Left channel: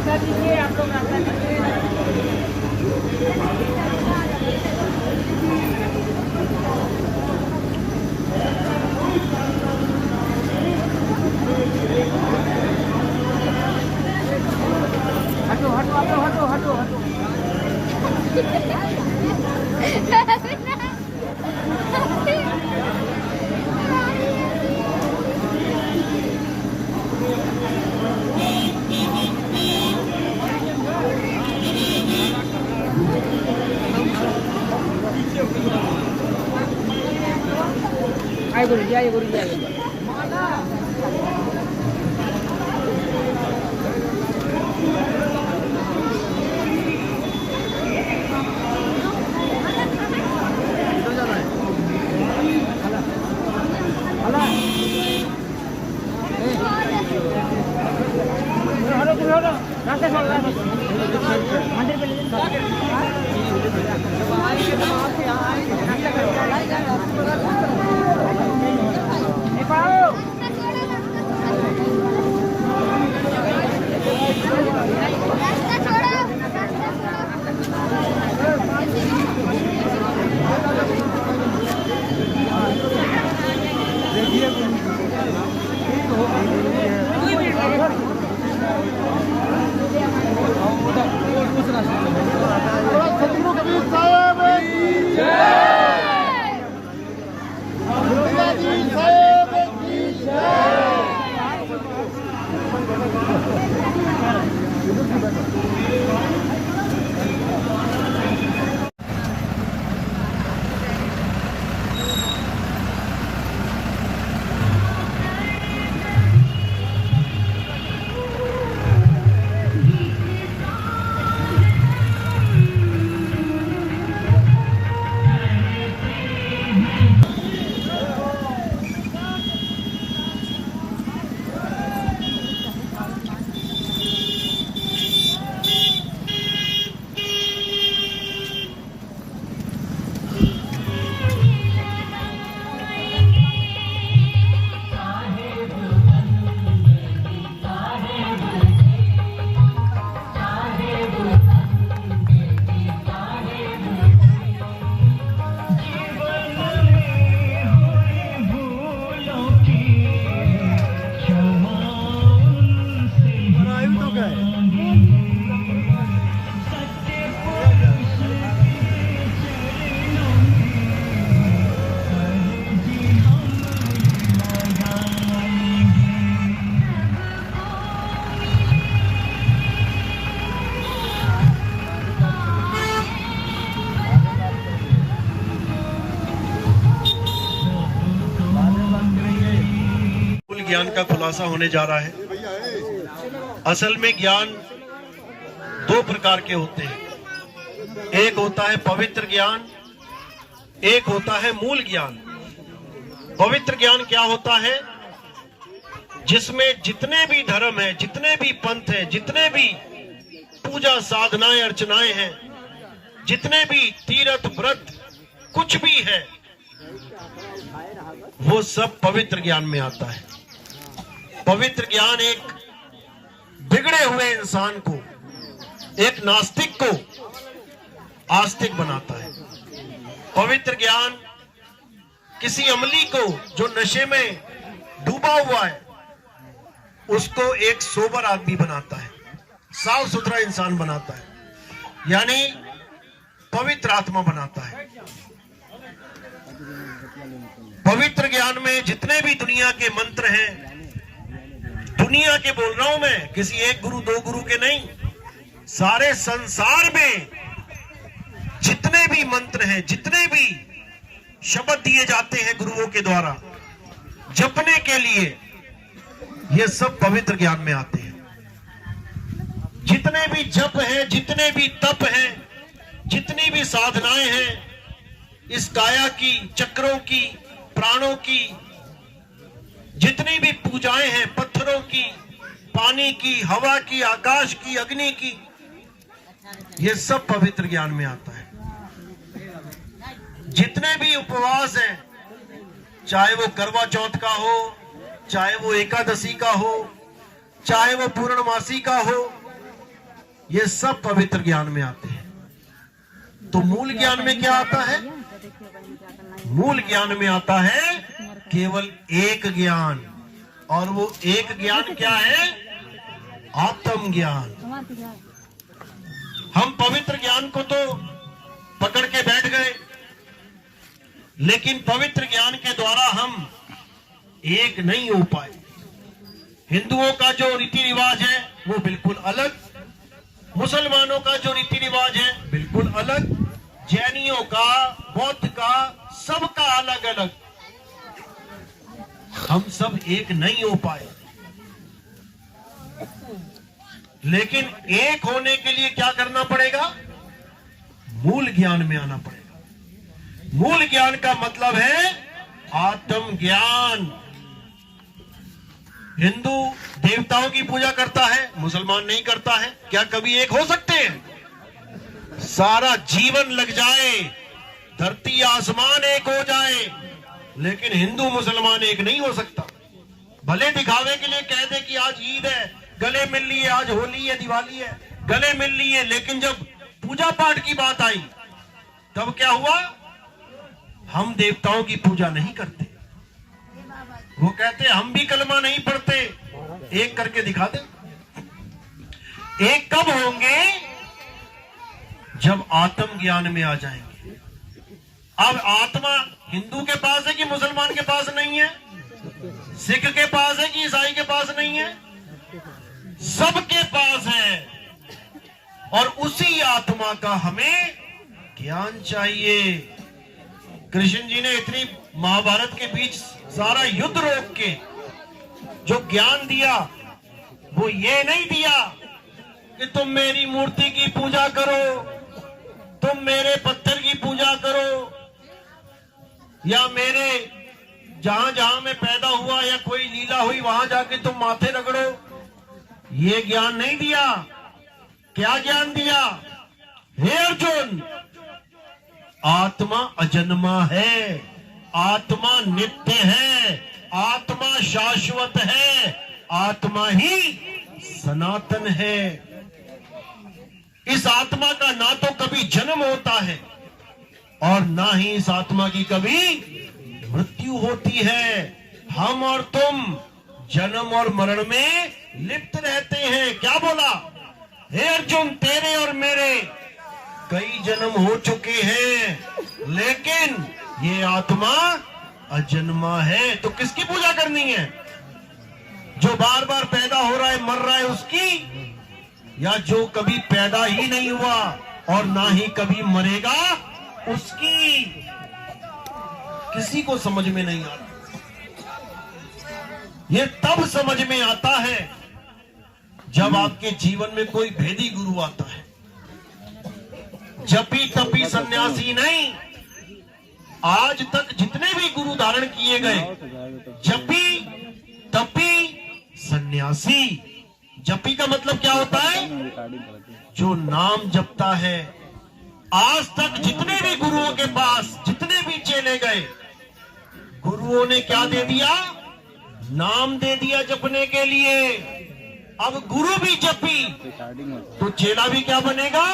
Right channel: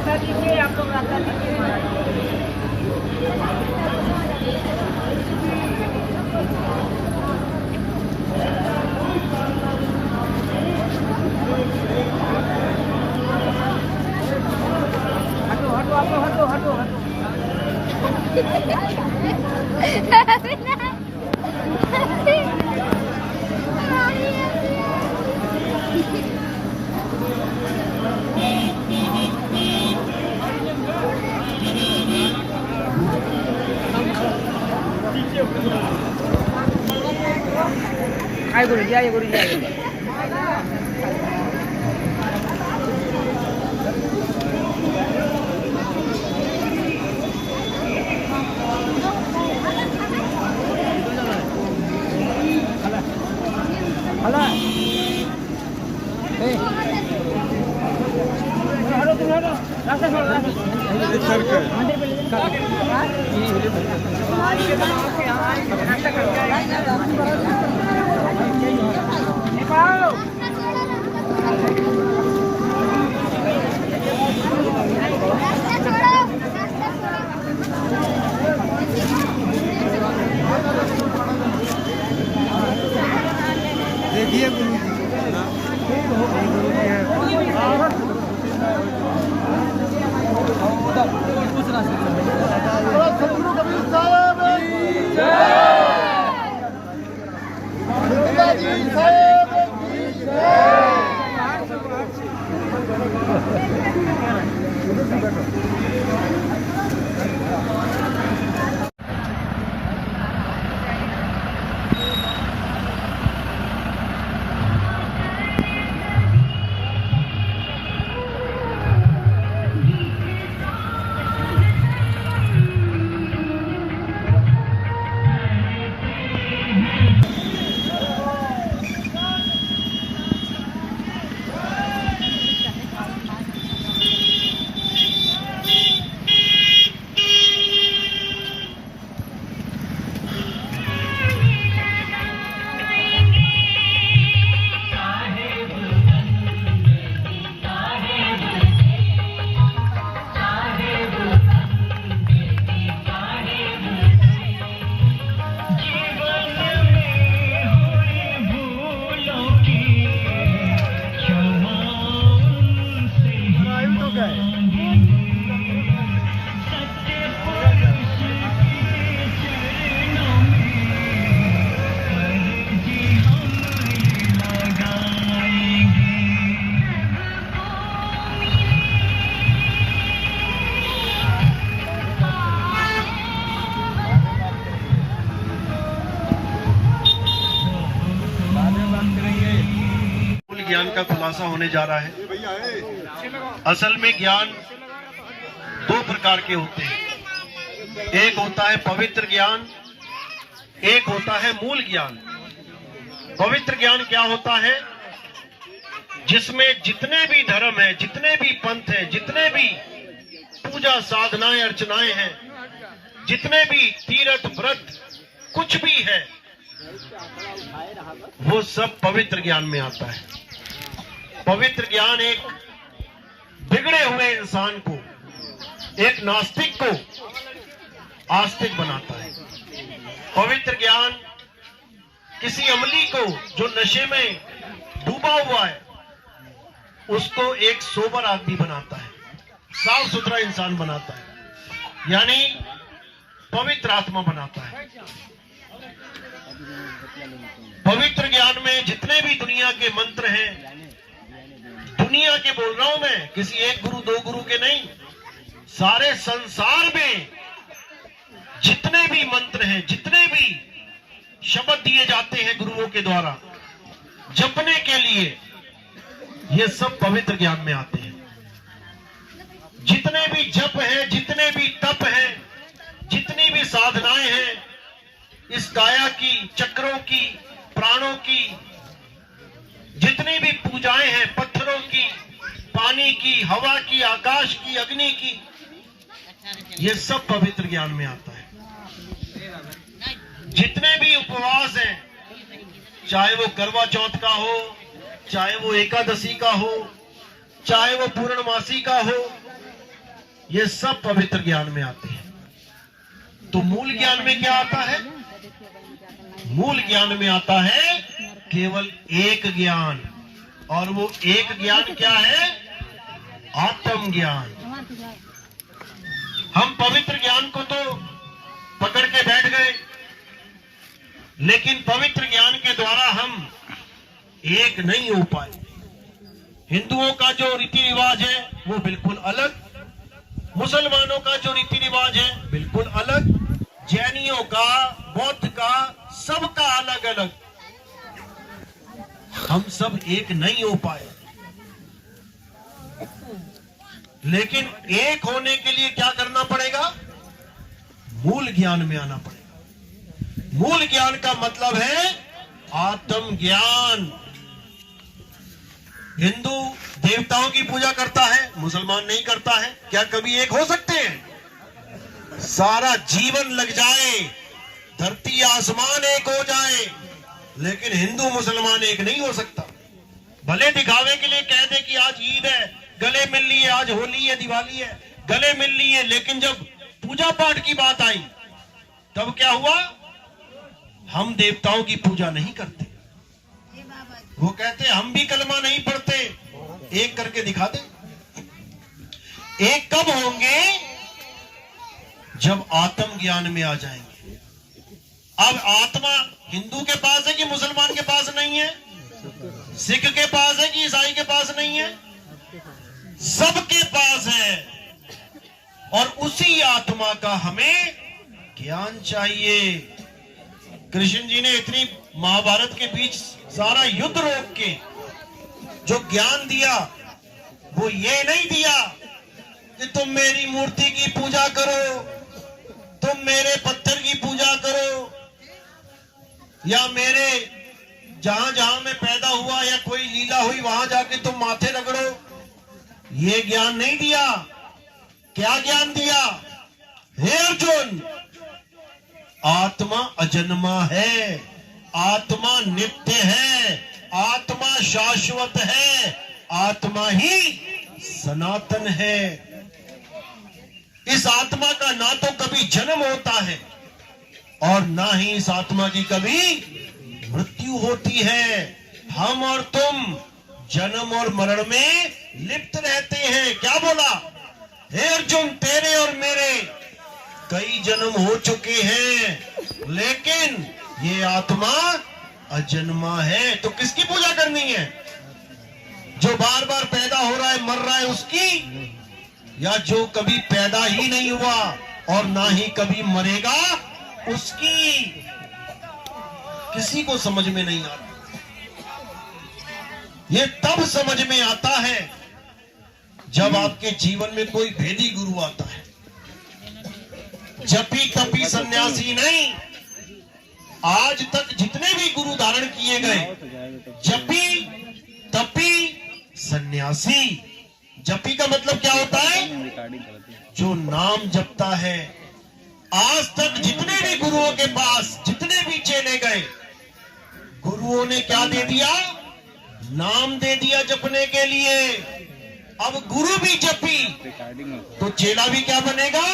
रास्ता दीजिए, आप लोग रास्ता दीजिए। हटो हटो आप लोग हटो हटो हटो। आइए गुरुजी, आइए गुरुजी, आइए। रास्ता छोड़ मंदिर आएंगे तो आपके यहाँ आएंगे, नाश्ता करके ज्ञान का खुलासा होने जा रहा है। असल में ज्ञान दो प्रकार के होते हैं, एक होता है पवित्र ज्ञान, एक होता है मूल ज्ञान। पवित्र ज्ञान क्या होता है? जिसमें जितने भी धर्म है, जितने भी पंथ है, जितने भी पूजा साधनाएं अर्चनाएं हैं, जितने भी तीर्थ व्रत कुछ भी है, वो सब पवित्र ज्ञान में आता है। पवित्र ज्ञान एक बिगड़े हुए इंसान को, एक नास्तिक को आस्तिक बनाता है। पवित्र ज्ञान किसी अमली को जो नशे में डूबा हुआ है उसको एक सोबर आदमी बनाता है, साफ सुथरा इंसान बनाता है, यानी पवित्र आत्मा बनाता है। पवित्र ज्ञान में जितने भी दुनिया के मंत्र हैं, दुनिया के बोल रहा हूं मैं, किसी एक गुरु दो गुरु के नहीं, सारे संसार में जितने भी मंत्र हैं, जितने भी शब्द दिए जाते हैं गुरुओं के द्वारा जपने के लिए, ये सब पवित्र ज्ञान में आते हैं। जितने भी जप हैं, जितने भी तप हैं, जितनी भी साधनाएं हैं, इस काया की, चक्रों की, प्राणों की, जितनी भी पूजाएं हैं, पत्थरों की, पानी की, हवा की, आकाश की, अग्नि की, ये सब पवित्र ज्ञान में आता है। जितने भी उपवास हैं, चाहे वो करवा चौथ का हो, चाहे वो एकादशी का हो, चाहे वो पूर्णमासी का हो, ये सब पवित्र ज्ञान में आते हैं। तो मूल ज्ञान में क्या आता है? मूल ज्ञान में आता है केवल एक ज्ञान, और वो एक ज्ञान क्या है? आत्म ज्ञान। हम पवित्र ज्ञान को तो पकड़ के बैठ गए, लेकिन पवित्र ज्ञान के द्वारा हम एक नहीं हो पाए। हिंदुओं का जो रीति रिवाज है वो बिल्कुल अलग, मुसलमानों का जो रीति रिवाज है बिल्कुल अलग, जैनियों का, बौद्ध का, सबका अलग अलग। हम सब एक नहीं हो पाए, लेकिन एक होने के लिए क्या करना पड़ेगा? मूल ज्ञान में आना पड़ेगा। मूल ज्ञान का मतलब है आत्म ज्ञान। हिंदू देवताओं की पूजा करता है, मुसलमान नहीं करता है। क्या कभी एक हो सकते हैं? सारा जीवन लग जाए, धरती आसमान एक हो जाए, लेकिन हिंदू मुसलमान एक नहीं हो सकता। भले दिखावे के लिए कह दे कि आज ईद है, गले मिल लिए, आज होली है, दिवाली है, गले मिल लिए, लेकिन जब पूजा पाठ की बात आई तब क्या हुआ? हम देवताओं की पूजा नहीं करते। वो कहते हम भी कलमा नहीं पढ़ते। एक करके दिखा दे। एक कब होंगे? जब आत्म ज्ञान में आ जाएंगे। अब आत्मा हिंदू के पास है कि मुसलमान के पास नहीं है? सिख के पास है कि ईसाई के पास नहीं है? सबके पास है। और उसी आत्मा का हमें ज्ञान चाहिए। कृष्ण जी ने इतनी महाभारत के बीच सारा युद्ध रोक के जो ज्ञान दिया, वो ये नहीं दिया कि तुम मेरी मूर्ति की पूजा करो, तुम मेरे पत्थर की पूजा करो, या मेरे जहां जहां मैं पैदा हुआ या कोई लीला हुई वहां जाके तुम माथे रगड़ो। ये ज्ञान नहीं दिया। क्या ज्ञान दिया? हे अर्जुन, आत्मा अजन्मा है, आत्मा नित्य है, आत्मा शाश्वत है, आत्मा ही सनातन है। इस आत्मा का ना तो कभी जन्म होता है और ना ही इस आत्मा की कभी मृत्यु होती है। हम और तुम जन्म और मरण में लिप्त रहते हैं। क्या बोला? हे अर्जुन, तेरे और मेरे कई जन्म हो चुके हैं, लेकिन ये आत्मा अजन्मा है। तो किसकी पूजा करनी है? जो बार बार पैदा हो रहा है, मर रहा है, उसकी? या जो कभी पैदा ही नहीं हुआ और ना ही कभी मरेगा, उसकी? किसी को समझ में नहीं आ रहा। ये तब समझ में आता है जब आपके जीवन में कोई भेदी गुरु आता है। जपी तपी सन्यासी नहीं। आज तक जितने भी गुरु धारण किए गए, जपी तपी सन्यासी। जपी का मतलब क्या होता है? जो नाम जपता है। आज तक जितने भी गुरुओं के पास जितने भी चेले गए, गुरुओं ने क्या दे दिया? नाम दे दिया जपने के लिए। अब गुरु भी जपी तो चेला भी क्या बनेगा?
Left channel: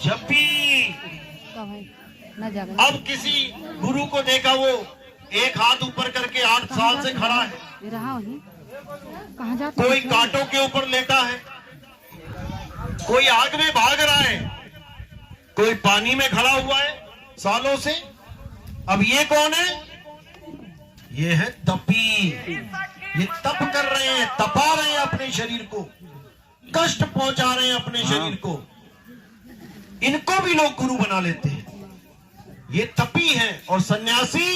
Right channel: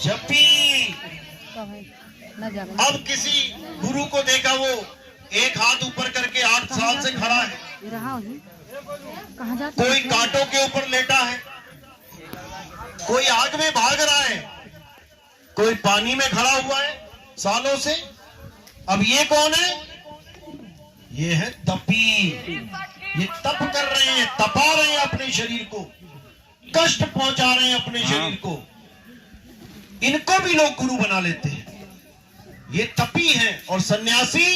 जपी। अब किसी गुरु को देखा, वो एक हाथ ऊपर करके 8 साल से खड़ा है, कोई कांटों के ऊपर लेटा है, कोई आग में भाग रहा है, कोई पानी में खड़ा हुआ है सालों से। अब ये कौन है? ये है तपी। ये तप कर रहे हैं, तपा रहे हैं अपने शरीर को, कष्ट पहुंचा रहे हैं अपने शरीर को। इनको भी लोग गुरु बना लेते हैं। ये तपी हैं। और सन्यासी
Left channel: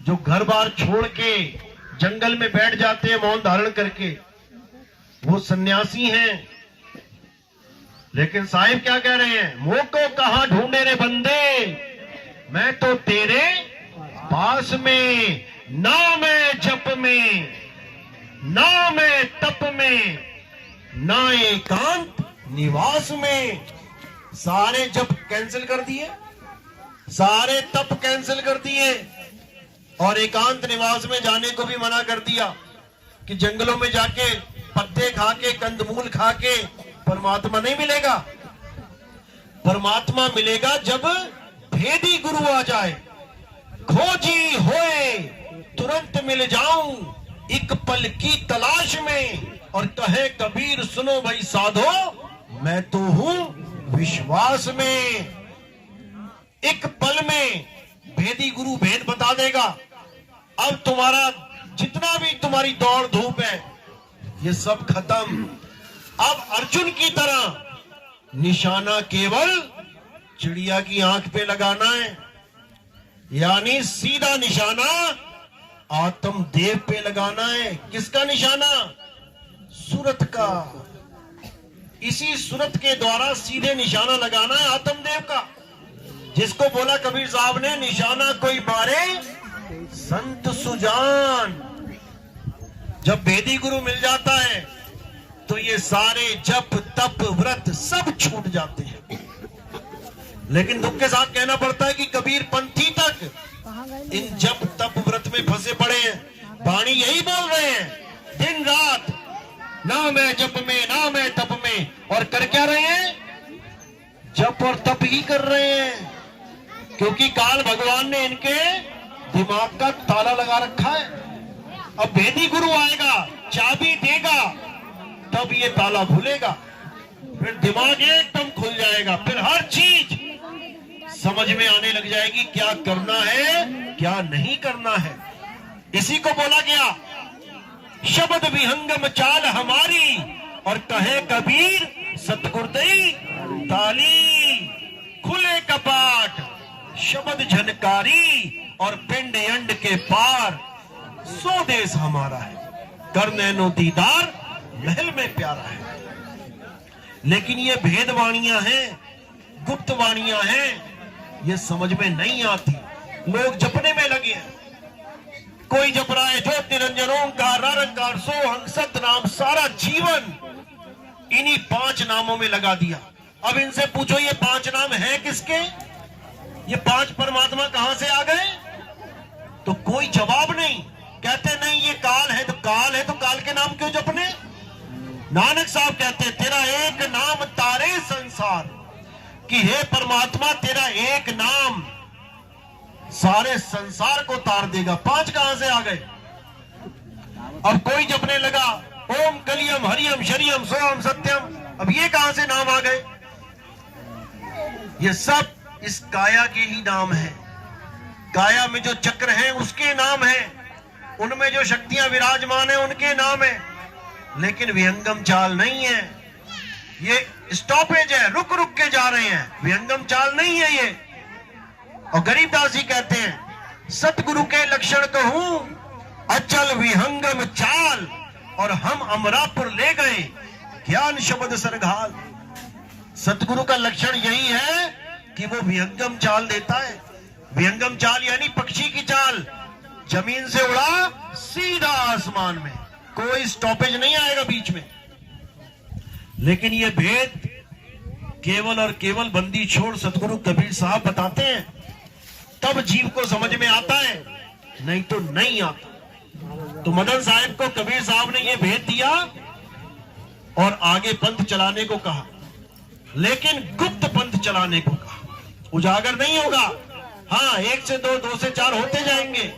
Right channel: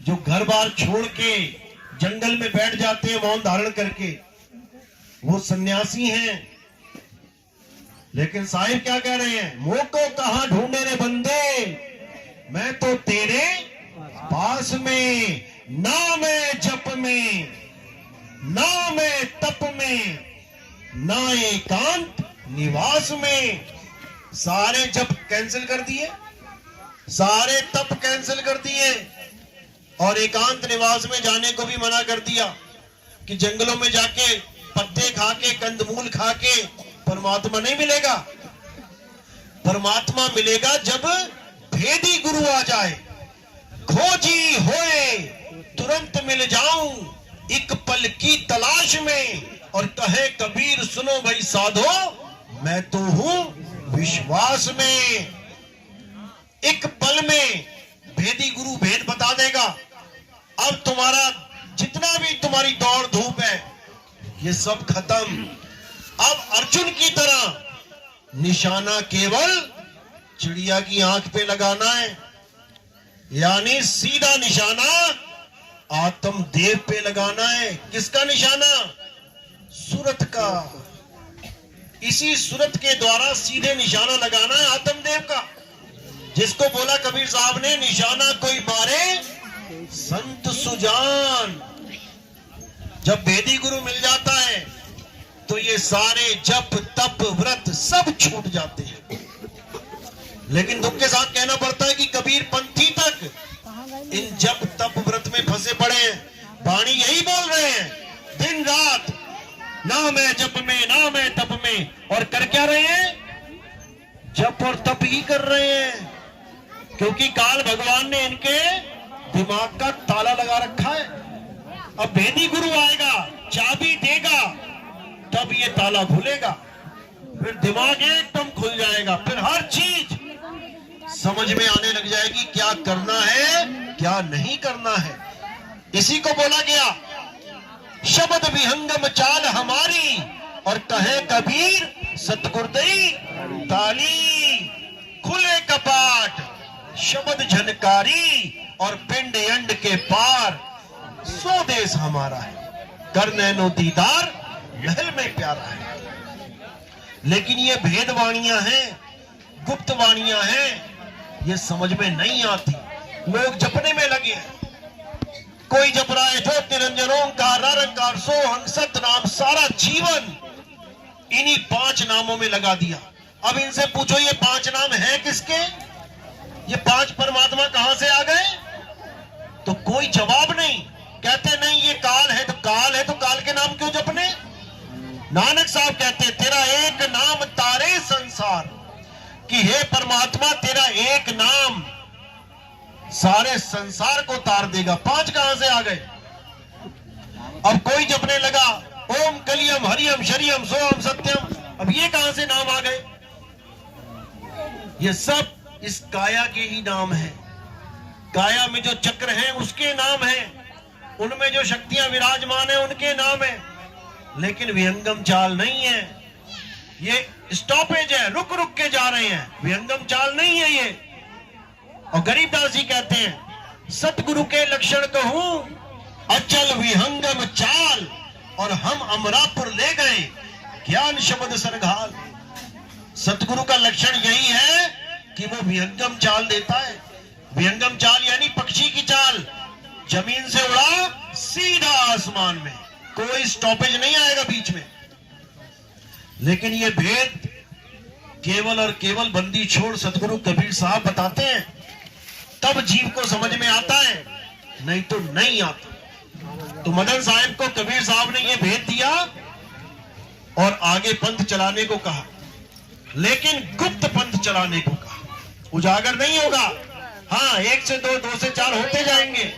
जो घर बार छोड़ के जंगल में बैठ जाते हैं मौन धारण करके, वो सन्यासी हैं। लेकिन साहिब क्या कह रहे हैं? मोको कहां ढूंढे रे बंदे, मैं तो तेरे पास में, ना मैं जप में, ना मैं तप में, ना एकांत निवास में। सारे जप कैंसिल कर दिए, सारे तप कैंसिल कर दिए, और एकांत निवास में जाने को भी मना कर दिया कि जंगलों में जाके पत्ते खा के, कंदमूल खा के परमात्मा नहीं मिलेगा। परमात्मा मिलेगा जब भेदी गुरु आ जाए। खोजी होए तुरंत मिल जाऊं एक पल की तलाश में, और कहे कबीर सुनो भाई साधो, मैं तो हूं विश्वास में। एक पल में भेदी गुरु भेद बता देगा। अब तुम्हारा जितना भी तुम्हारी दौड़ धूप है, ये सब खत्म। अब अर्जुन की तरह निशाना केवल चिड़िया की आंख पे लगाना है, यानी सीधा निशाना आत्मदेव पे लगाना है। किसका निशाना? सूरत का। इसी सूरत के द्वारा सीधे निशाना लगाना है आत्मदेव का, जिसको बोला कबीर साहब ने, निशाना कोई मारे संत सुजान। जब भेदी गुरु मिल जाता है तो ये सारे जप तप व्रत सब छूट जाते हैं। लेकिन दुख के साथ कहना पड़ता है कि कबीर पंथी तक इन जप तप व्रत में फंसे पड़े हैं। वाणी यही बोल रहे हैं दिन रात, ना मैं जप में, ना मैं तप में, और कर क्या रहे हैं? जप और तप ही कर रहे हैं। क्योंकि काल भगवान ने इनके दिमाग का ताला लगा रखा है। अब भेदी गुरु आएगा, चाबी देगा, तब ये ताला खुलेगा, फिर दिमाग एकदम खुल जाएगा, फिर हर चीज समझ में आने लग जाएगी, क्या करना है क्या नहीं करना है। इसी को बोला गया शब्द विहंगम चाल हमारी, और कहे कबीर सतगुरुदई ताली। खुले कपाट शब्द झनकारी, और पिंड अंड के पार सो देश हमारा है। कर नैनो दीदार महल में प्यारा है। लेकिन ये भेद वाणियां हैं, गुप्त वाणियां हैं, ये समझ में नहीं आती। लोग जपने में लगे हैं। कोई जप रहा है ज्योत निरंजन ओंकार निरंकार सोहं सतनाम, सारा जीवन इन्हीं 5 नामों में लगा दिया। अब इनसे पूछो ये 5 नाम है किसके? ये 5 परमात्मा कहां से आ गए? तो कोई जवाब नहीं। कहते नहीं ये काल है, तो काल है तो काल के नाम क्यों जपने? नानक साहब कहते तेरा एक नाम तारे संसार, कि हे परमात्मा तेरा एक नाम सारे संसार को तार देगा। 5 कहां से आ गए? अब कोई जपने लगा ओम कलियम हरियम शरियम सोम सत्यम, अब ये कहां से नाम आ गए? ये सब इस काया के ही नाम है। काया में जो चक्र हैं उसके नाम है, उनमें जो शक्तियां विराजमान है उनके नाम है। लेकिन विहंगम चाल नहीं है, ये स्टॉपेज है, रुक रुक के जा रहे हैं, विहंगम चाल नहीं है ये। और गरीबदास जी कहते हैं सतगुरु के लक्षण कहूं अचल विहंगम चाल, और हम अमरापुर ले गए ज्ञान शब्द सरघाल। सतगुरु का लक्षण यही है कि वो विहंगम चाल देता है। विहंगम चाल यानी पक्षी की चाल, जमीन से उड़ा सीधा आसमान में, कोई स्टॉपेज नहीं आएगा बीच में। लेकिन ये भेद केवल और केवल बंदी छोड़ सतगुरु कबीर साहब बताते हैं, तब जीव को समझ में आता है, नहीं तो नहीं आता। तो मदन साहब को कबीर साहब ने ये भेद दिया और आगे पंथ चलाने को कहा, लेकिन गुप्त पंथ चलाने को कहा। उजागर नहीं होगा, हाँ 1 से 2, 2 से 4 होते जाएंगे,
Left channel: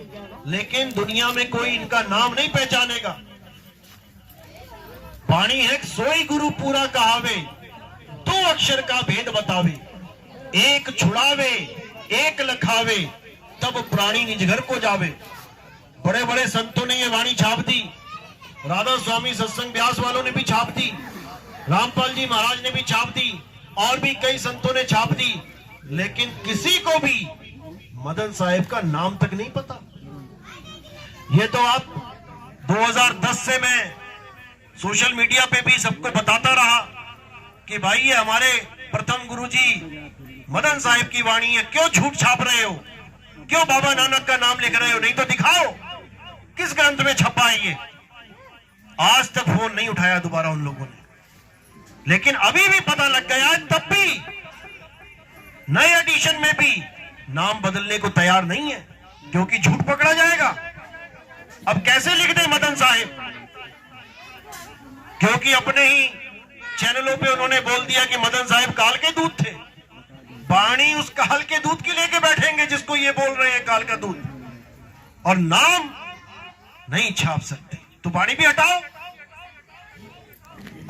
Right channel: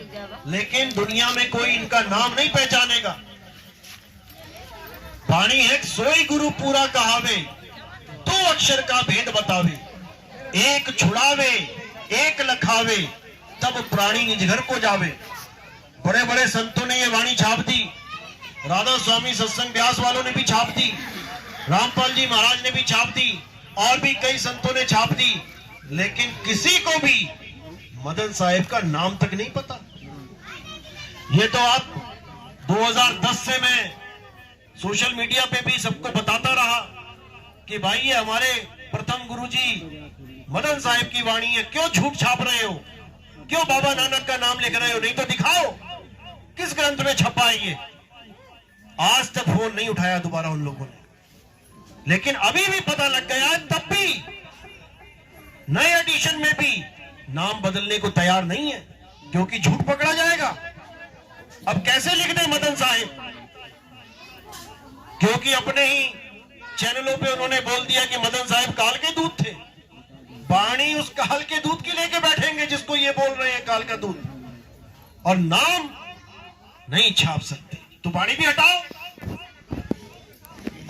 लेकिन दुनिया में कोई इनका नाम नहीं पहचानेगा। वाणी है सोई गुरु पूरा कहावे, 2 अक्षर का भेद बतावे, एक छुड़ावे एक लखावे, तब प्राणी निज घर को जावे। बड़े बड़े संतों ने ये वाणी छाप दी, राधा स्वामी सत्संग व्यास वालों ने भी छाप दी, रामपाल जी महाराज ने भी छाप दी, और भी कई संतों ने छाप दी, लेकिन किसी को भी मदन साहिब का नाम तक नहीं पता। ये तो आप 2010 से मैं सोशल मीडिया पे भी सबको बताता रहा कि भाई ये हमारे प्रथम गुरुजी मदन साहिब की वाणी है, क्यों झूठ छाप रहे हो, क्यों बाबा नानक का नाम लिख रहे हो, नहीं तो दिखाओ किस ग्रंथ में छपा है ये। आज तक फोन नहीं उठाया दोबारा उन लोगों ने, लेकिन अभी भी पता लग गया है, तब भी नए एडिशन में भी नाम बदलने को तैयार नहीं है, क्योंकि झूठ पकड़ा जाएगा। अब कैसे लिख दें मदन साहिब, क्योंकि अपने ही चैनलों पे उन्होंने बोल दिया कि मदन साहिब काल के दूध थे। वाणी उस काल के दूध की लेके बैठेंगे जिसको ये बोल रहे हैं काल का दूध, और नाम नहीं छाप सकते, तो वाणी भी हटाओ।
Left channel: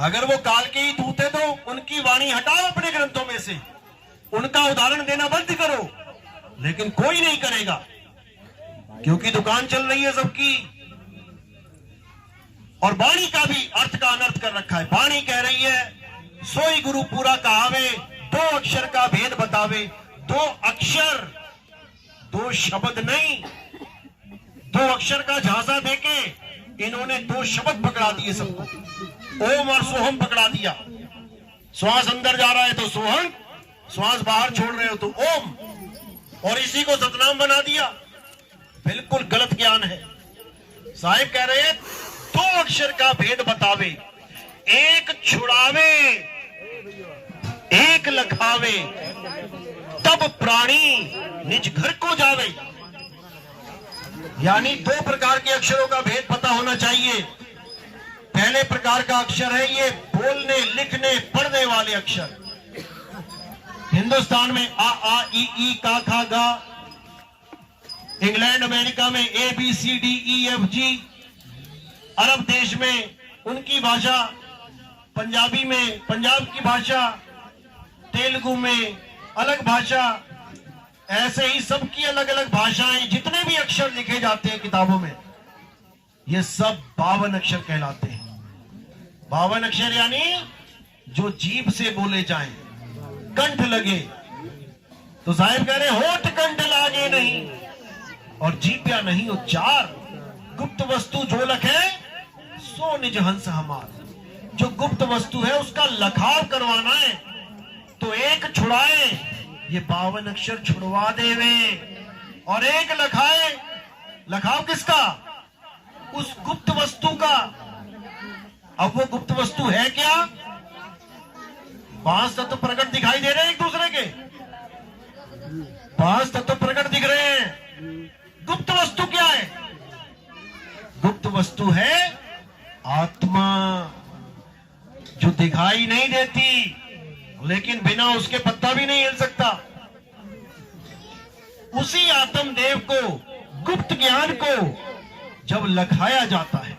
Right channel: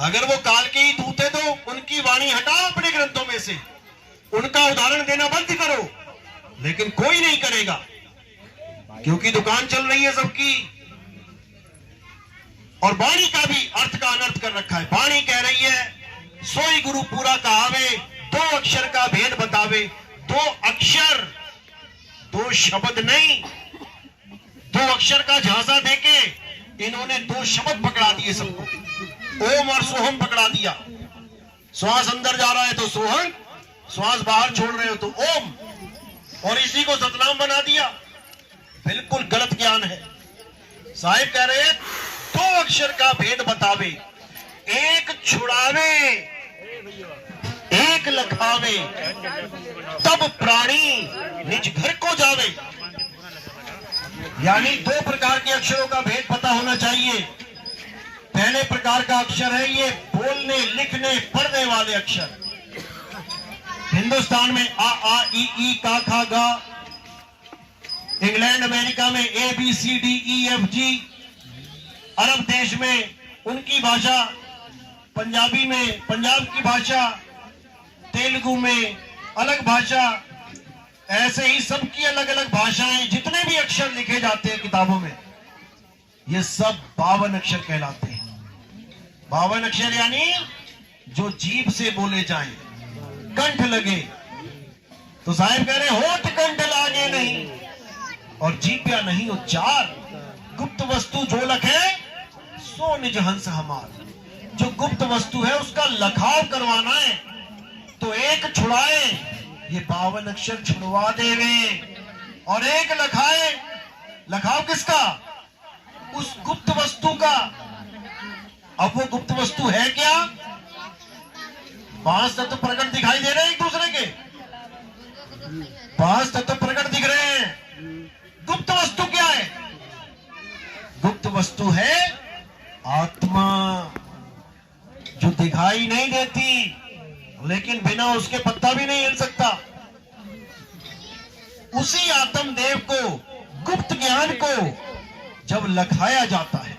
अगर वो काल के ही दूत है तो उनकी वाणी हटाओ अपने ग्रंथों में से, उनका उदाहरण देना बंद करो, लेकिन कोई नहीं करेगा, क्योंकि दुकान चल रही है सबकी। और वाणी का भी अर्थ का अनर्थ कर रखा है। वाणी कह रही है सोई गुरु पूरा कहावे, 2 अक्षर का भेद बतावे, 2 अक्षर 2 शब्द नहीं, 2 अक्षर का झांसा देके इन्होंने 2 शब्द पकड़ा दिए सबको, ओम और सोहम पकड़ा दिया। श्वास अंदर जा रहा है तो सोहम, श्वास बाहर छोड़ रहे हो तो ओम, और इसी को सतनाम बना दिया। बिल्कुल गलत ज्ञान है। साहिब कह रहे हैं 2 अक्षर का भेद बतावे, एक छुड़ावे एक लखावे, तब प्राणी निज घर को जावे। यानी 2 प्रकार के अक्षरों का भेद पता होना चाहिए। पहले प्रकार का अक्षर है ये बोलने लिखने पढ़ने वाले अक्षर। हिंदुस्तान में आ आ ई ई का खा गा, इंग्लैंड अमेरिका में A B C D E F G, अरब देश में उनकी भाषा, पंजाबी में पंजाब की भाषा, तेलुगु में अलग भाषा, ऐसे ही सबकी अलग अलग भाषाएं। जितने भी अक्षर लिखे जाते हैं किताबों में, ये सब 52 अक्षर कहलाते हैं। 52 अक्षर यानी जो जीभ से बोले जाएं, कंठ लगे। तो साहिब कह रहे होठ कंठ लागे नहीं, और जीभ या नहीं उच्चार, गुप्त वस्तु जो लखे सो निज हंस हमार। जो गुप्त वस्तु है उसका लखाव करवाना है तो एक छुड़ाए, ये 52 अक्षर छुड़वा देवे, और एक लखाए। लखाव किसका? उस गुप्त वस्तु का। अब वो गुप्त वस्तु है क्या? 5 तत्व प्रकट दिखाई दे रहे हैं एक दूसरे के, 5 तत्व प्रकट दिख रहे हैं। गुप्त वस्तु क्या है? गुप्त वस्तु है आत्मा, जो दिखाई नहीं देती, लेकिन बिना उसके पत्ता भी नहीं हिल सकता। उसी आत्मदेव को, गुप्त ज्ञान को जब लखाया जाता है,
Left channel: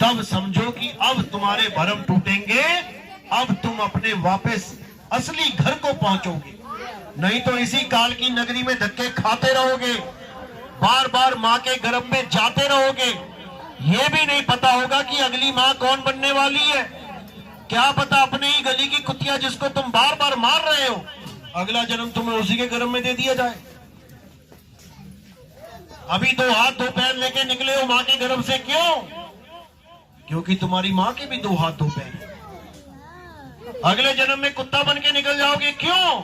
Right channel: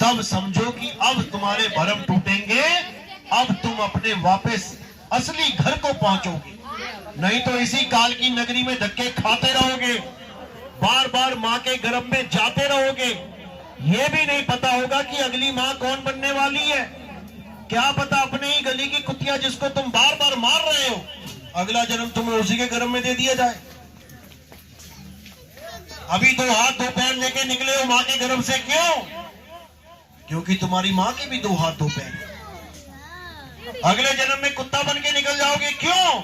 तब समझो कि अब तुम्हारे भरम टूटेंगे, अब तुम अपने वापस असली घर को पहुंचोगे। नहीं तो इसी काल की नगरी में धक्के खाते रहोगे, बार बार मां के गर्भ में जाते रहोगे। ये भी नहीं पता होगा कि अगली मां कौन बनने वाली है। क्या पता अपने ही गली की कुतिया जिसको तुम बार बार मार रहे हो, अगला जन्म तुम्हें उसी के गर्भ में दे दिया जाए। अभी 2 हाथ 2 पैर लेके निकले हो मां के गर्भ से, क्यों? क्योंकि तुम्हारी मां के भी 2 हाथ 2 पैर। अगले जन्म में कुत्ता बन के निकल जाओगे, क्यों?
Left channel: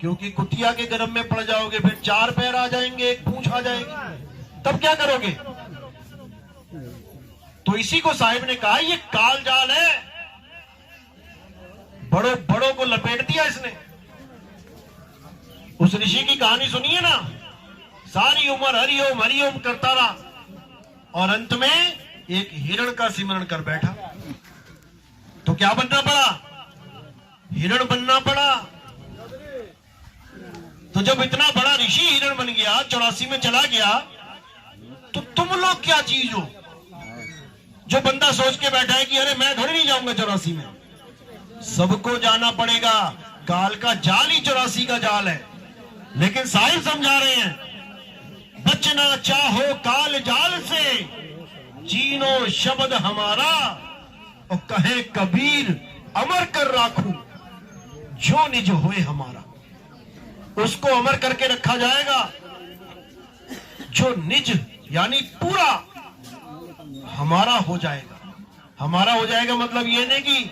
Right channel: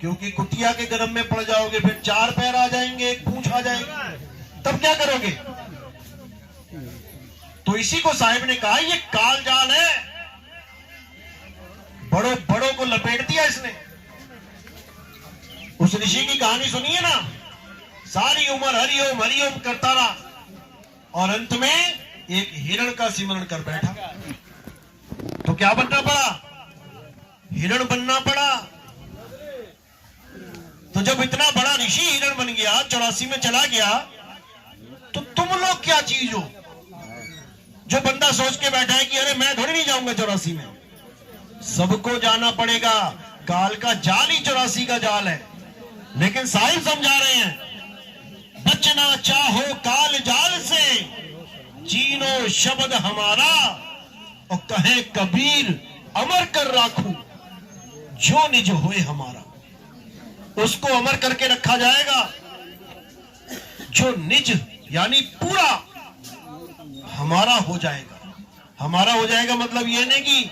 क्योंकि कुतिया के गर्भ में पड़ जाओगे, फिर 4 पैर आ जाएंगे, 1 पूंछ आ जाएगी, तब क्या करोगे? तो इसी को साहिब ने कहा ये काल जाल है। बड़ों बड़ों को लपेट दिया इसने। उस ऋषि की कहानी सुनिए ना, सारी उम्र हरिओम हरिओम करता रहा, और अंत में एक हिरण का सिमरण कर बैठा। तो क्या बनना पड़ा? हिरण बनना पड़ा। तो जब इतना बड़ा ऋषि हिरण बन गया, 84 में चला गया, तो तुम लोग क्या चीज हो जो बंदा सोच के बैठा है कि अरे मैं थोड़ी नहीं जाऊंगा 84 में। सबको जाना पड़ेगा। काल का जाल ही 84 का जाल है। लेकिन साहिब समझा रहे हैं, बचना चाहो काल जाल से, जीनो शब्द हमारा, और कहे कबीर अमर कर राखू, जो निज होए हमारा। उसको अमर करके रखा जाएगा जो निज यानी पूरा हमारा हो जाएगा। हमारा हो जाएगा मतलब ये नहीं कि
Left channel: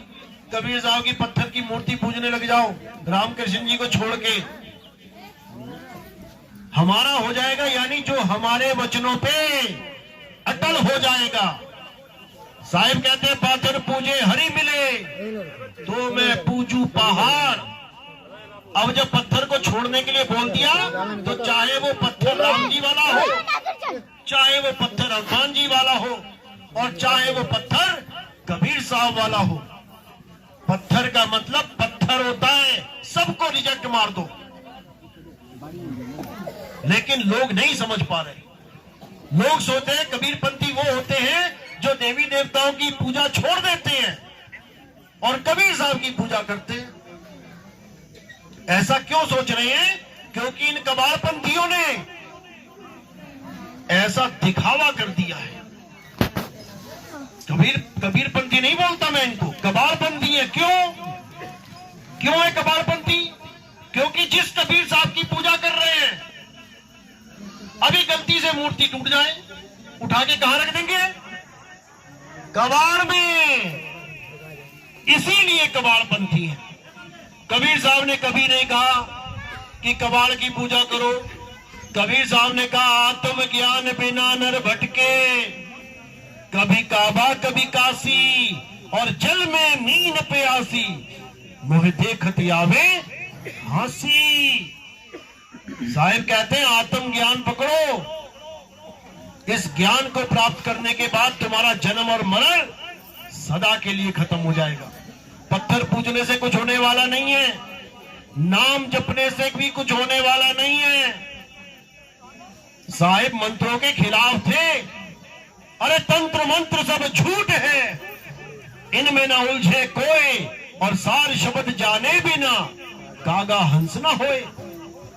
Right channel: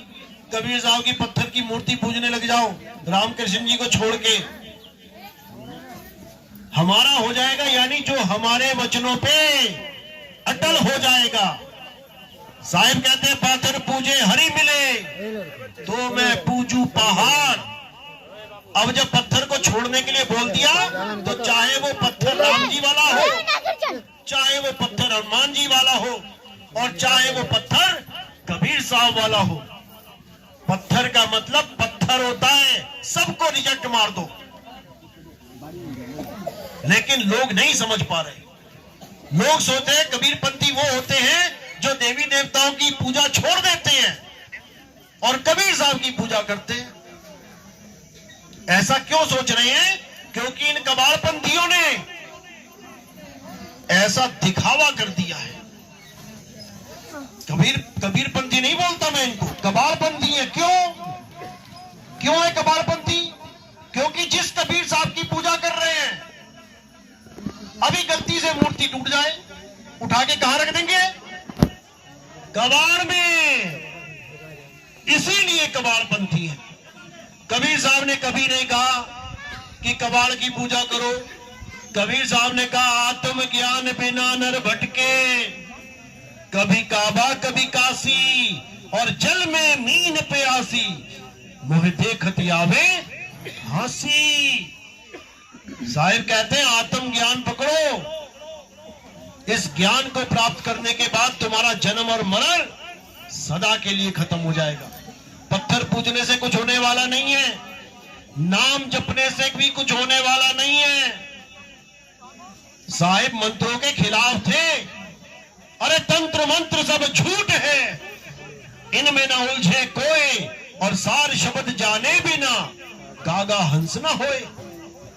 कबीर साहब की पत्थर की मूर्ति पूजने लग जाओ रामकृष्ण जी को छोड़ के। हमारा हो जाएगा यानी जो हमारे वचनों पे अटल हो जाएगा। साहिब कहते हैं, पाथर पूजे हरि मिले, तो मैं पूजू पहाड़। अब जब पत्थर को छोड़ने के लिए बोल दिया, तो चाहे वो पत्थर राम जी वाला हो, चाहे वो पत्थर हनुमान जी वाला हो, और चाहे वो पत्थर कबीर साहब वाला हो। पत्थर का मतलब पत्थर होता है, सबको रिजेक्ट मार दो। लेकिन लोग नहीं समझ पा रहे। लोग सोचते हैं कबीरपंथी वो होते हैं जो देवी देवताओं की पूजा छोड़ देते हैं और कबीर साहब की पूजा करते हैं। ऐसा क्यों सोच रहे हैं? क्योंकि इन कबाड़पंथियों ने ऐसा दिखावा कर दिया है। कबीरपंथी नहीं बोलता मैं इनको, कबाड़पंथी है। क्यों है कबाड़पंथी? क्योंकि जिस कबीर साहब की पूजा कर रहे हैं, अभी गलती से मूर्ति टूट जाए, उठा के कहां रख देंगे? कबाड़ में। इसीलिए कबाड़पंथी है। कबीर साहब ने कभी नहीं कहा कि कबाड़ की पूजा करो। कबीर साहब ने कहा, आत्म ज्ञान बिना नर भटके, कभी काबा कभी काशी, और जल में मीन प्यासी, मोह देखत आवे हंसी। साहिब कहते हैं, आत्म ज्ञान पकड़ो। इस ज्ञान को प्राप्त करने के बाद तुम्हारा जन्म और मरण सदा के लिए खत्म हो जाएगा। पत्थर पूजने से कुछ होने वाला नहीं है, नाम जपने से भी कुछ होने वाला नहीं है। साहिब मंत्रों के खिलाफ थे। अरे तंत्र मंत्र सब झूठ है, इनमें ना उलझे कोई, और सार शब्द जाने बिना कागा हंस ना होए।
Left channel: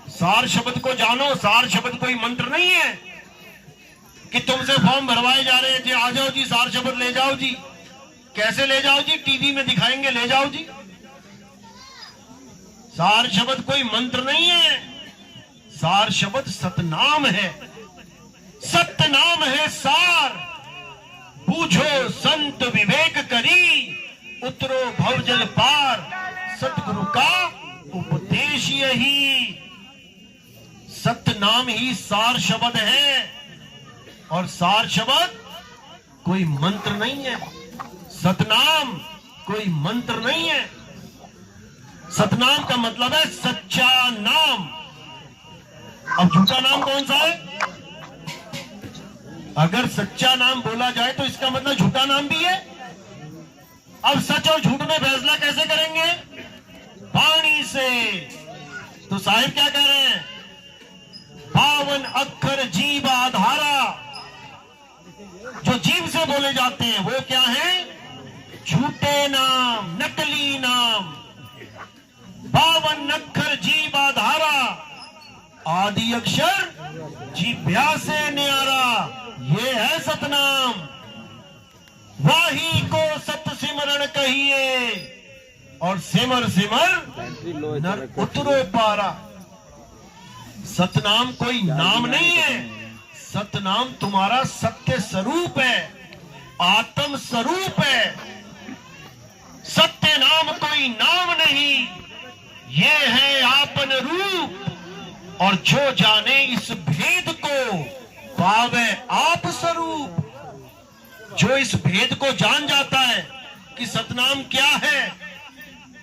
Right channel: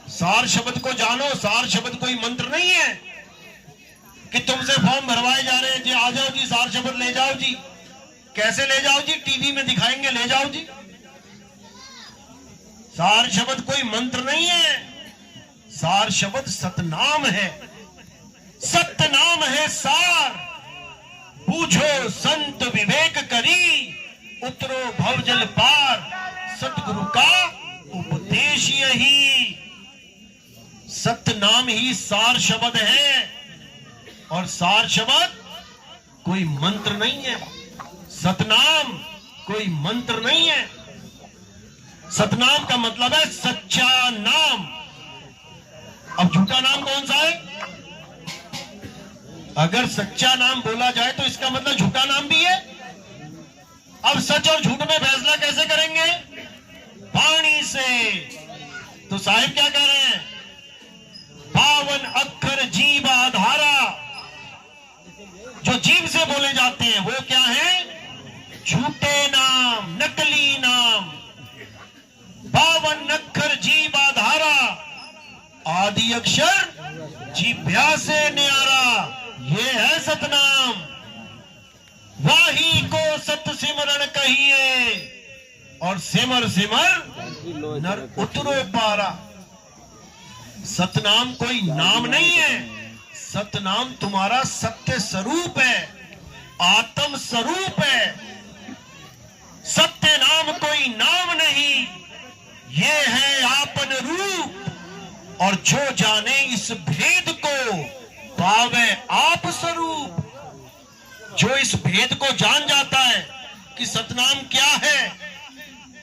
सार शब्द को जानो। सार शब्द कोई मंत्र नहीं है कि तुमसे फॉर्म भरवाए जा रहे हैं जी, आ जाओ जी, सार शब्द ले जाओ जी। कैसे ले जाओ जी? टीवी में दिखाएंगे, ले जाओ जी। सार शब्द कोई मंत्र नहीं है। सार शब्द सतनाम है। सतनाम है सार। पूछो संत विवेक करी, उतरो भवजल पार, सतगुरु का उपदेश यही। सतनाम ही सार शब्द है, और सार शब्द कोई मंत्र नहीं है। सतनाम कोई मंत्र नहीं है। सतनाम का मतलब है सच्चा नाम। अब झूठा नाम कौन सा है? अगर सच्चा नाम बोला जाए तो इसका मतलब झूठा नाम भी है। अब सच और झूठ में फैसला कैसे करेंगे? वाणी से। तो साहिब क्या कह रहे हैं? पावन अक्षर जीव आधारा। जो जीव से बोले जाते हैं वो क्या है? झूठे नाम, नकली नाम। पावन अक्षर जीव आधारा, आदि अक्षर जीभ्या से न्यारा, ये है सतनाम। वाही को सत सिमरण कहिए, और सिमर सिमर नर उतरो पारा। सतनाम कोई नाम नहीं है। सतनाम तुम्हारा सत्य स्वरूप है, आत्म स्वरूप है। सत्य नाम कोई नाम नहीं, ये है आपन रूप। और जो जाने इस भेद को, पावे आप स्वरूप। जो इस भेद को जान जाता है कि सतनाम क्या है,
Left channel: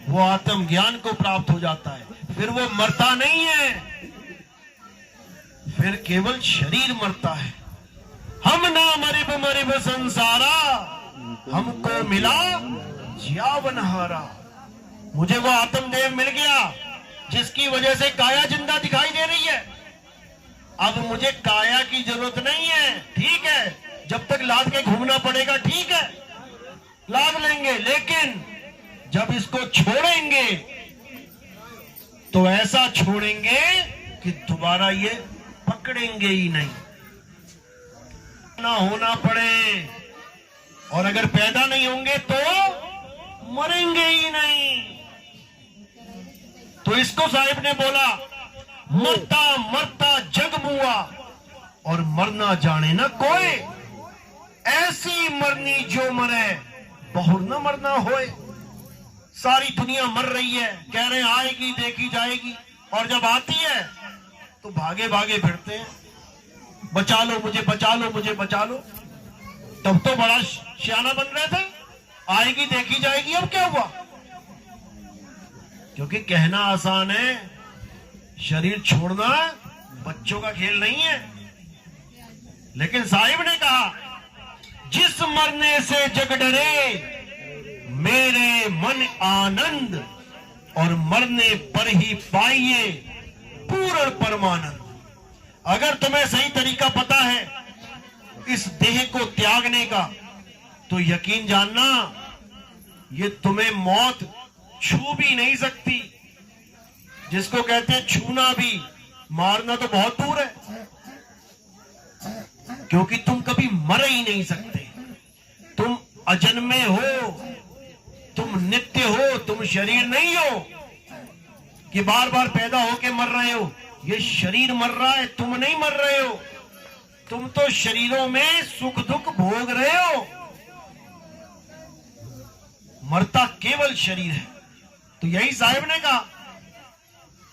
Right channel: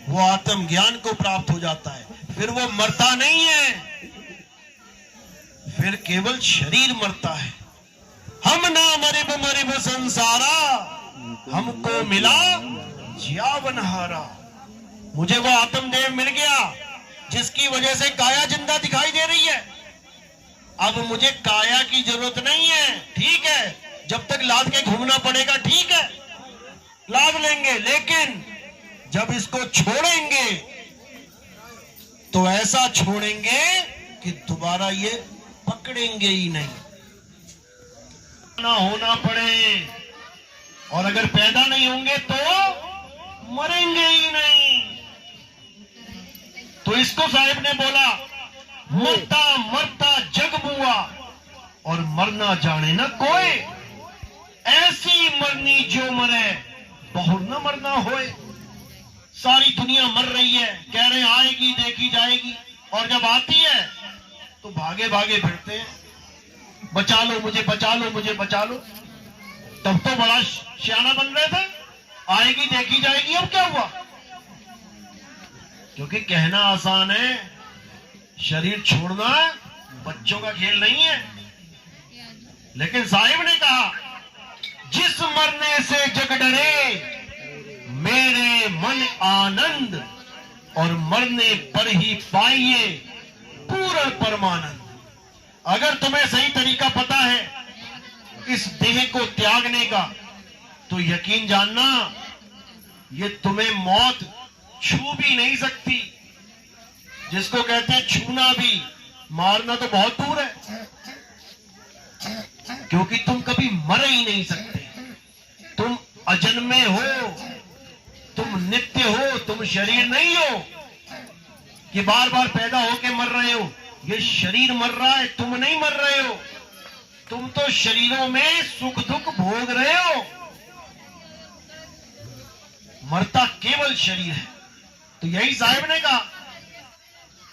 वो आत्म ज्ञान को प्राप्त हो जाता है। फिर वो मरता नहीं है, फिर केवल शरीर मरता है। हम ना मरिब मरिब संसारा, हमको मिला ज्यावनहारा, मुझे वो आत्मदेव मिल गया जिसकी वजह से काया जिंदा दिखाई दे रही है। अब मुझे काया की जरूरत नहीं है, ठीक है, जब तक लाद के घूमना पड़ेगा ठीक है, लाद लेंगे, लेकिन जब इसको छोड़ेंगे तो ऐसा छोड़ेंगे कि दोबारा ये पकड़ेंगे ही नहीं, ना होना पड़े, और अगर पैदा नहीं होंगे तो मरेंगे ही नहीं। तो इसको साहिब ने बोला, मरता मरता जग बुआ और मरना जाने ना कोई, ऐसी मरनी जो मरे बहुर न मरना होए। सारी दुनिया मर रही है, कह रहे आएगी देखी जाएगी, और जब आती है तो भागे भागे फिरते हैं, बचा लो मुझे, बचा लो मुझे, बचा लो। तब तो बड़ा सियाना बन रहे थे, आएगी देखी जाएगी, अब क्या हुआ? क्योंकि कहना आसान है, शरीर छोड़ना बच्चों का खेल नहीं है। लेकिन साहिब ने कहा, जिस मरने से जग डरे मेरे मन आनंद, और मरने पर ही पाइए पूर्ण परमानंद। अगर तुम्हें सही तरीका पता है इस देह को त्यागने का, तो यकीन जानना ये तुम्हें मौत छू भी नहीं सकती। जिसको कहते हैं छूना भी, मारना तो बहुत दूर है, क्योंकि तुम कभी मर ही नहीं सकते। तुम अजन्मे हो, तुम नित्य हो, तुम शरीर नहीं हो कि बार बार पैदा होके मर रहे हो। ये शरीर मर रहा है, तुम नहीं मर रहे हो। तुम तो शरीरों में सुख दुख भोग रहे हो, मरता केवल शरीर है। तो यही साहिब ने कहा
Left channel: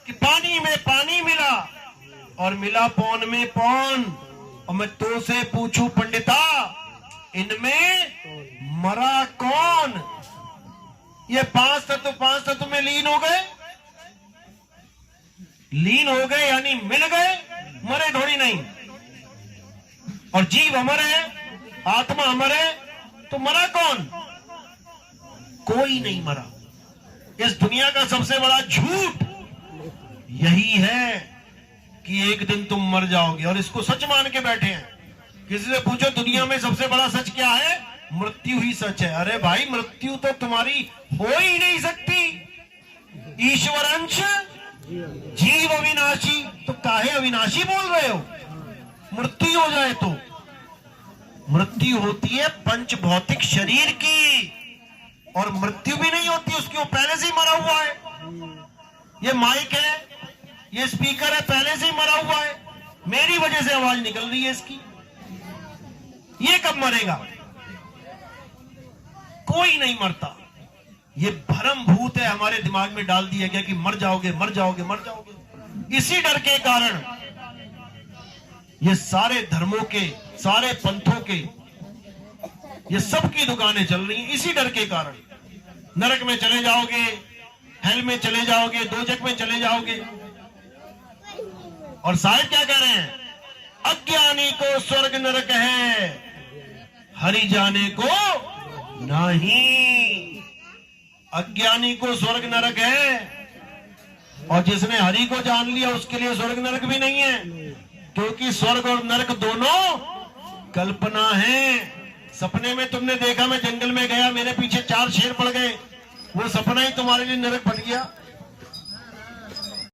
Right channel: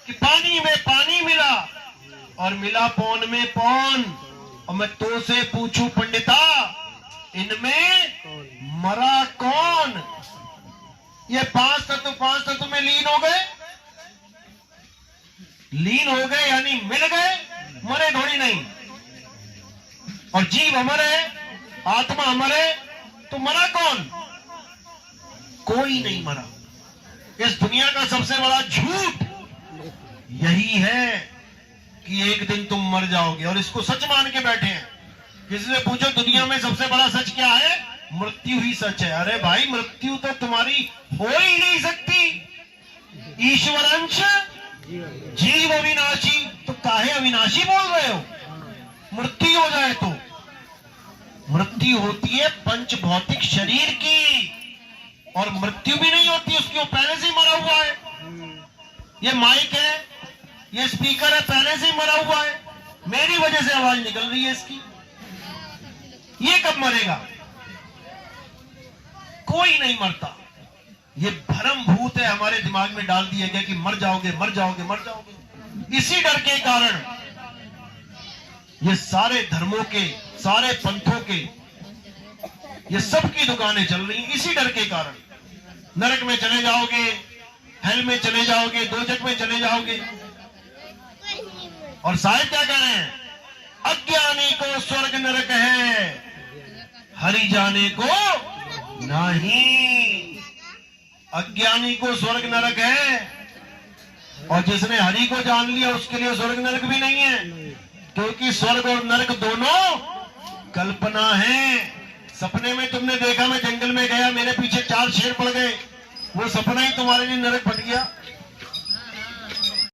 कि पानी में पानी मिला और मिला पौन में पौन, और मैं तो से पूछूं पंडिता, इनमें मरा कौन? ये पांच तत्व में लीन हो गए, लीन हो गए यानी मिल गए, मरे थोड़ी नहीं। और जीव अमर है, आत्मा अमर है, तो मरा कौन? कोई नहीं मरा। इस दुनिया का सबसे बड़ा झूठ यही है कि एक दिन तुम मर जाओगे, और इसको सच मान के बैठे हैं। किसी से पूछो दुनिया में सबसे बड़ा सच क्या है? मृत्यु ही सच है। अरे भाई, मृत्यु तो तुम्हारी हो ही नहीं सकती। ईश्वर अंश जीव अविनाशी, तो काहे अविनाशी बोल रहे हो? मृत्यु हो जाए तो मृत्यु होती है पंच भौतिक शरीर की, और मृत्यु भी नहीं होती उसकी, वो पहले से ही मरा हुआ है। ये माइक है, ये स्पीकर है, पहले से ही मरा हुआ है, मेरी वजह से आवाज निकल रही है इसकी। ये कब मरेगा? कोई नहीं मरता। ये भ्रम भूत है हमारे दिमाग में डाल दिया गया कि मर जाओगे मर जाओगे मर जाओगे। इसी डर के कारण ये सारे धर्मों के, सारे पंथों के, ये सब की दुकानें चल रही हैं इसी डर के कारण। नरक में चले जाओगे, हेल में चले जाओगे, दोजख में चले जाओगे। और साहिब क्या कह रहे हैं? अज्ञानी को स्वर्ग नरक है, हरि जाने को नहीं। अज्ञानी को स्वर्ग नरक है, और जिसने हरि को जान लिया उसके लिए स्वर्ग नरक भी नहीं है, क्योंकि स्वर्ग और नरक दोनों कल्पना है। सपने में तुमने देखा मैं जंगल में गया, मेरे पीछे 4 शेर पड़ गए, वो सपना ही तुम्हारे लिए नरक बन गया।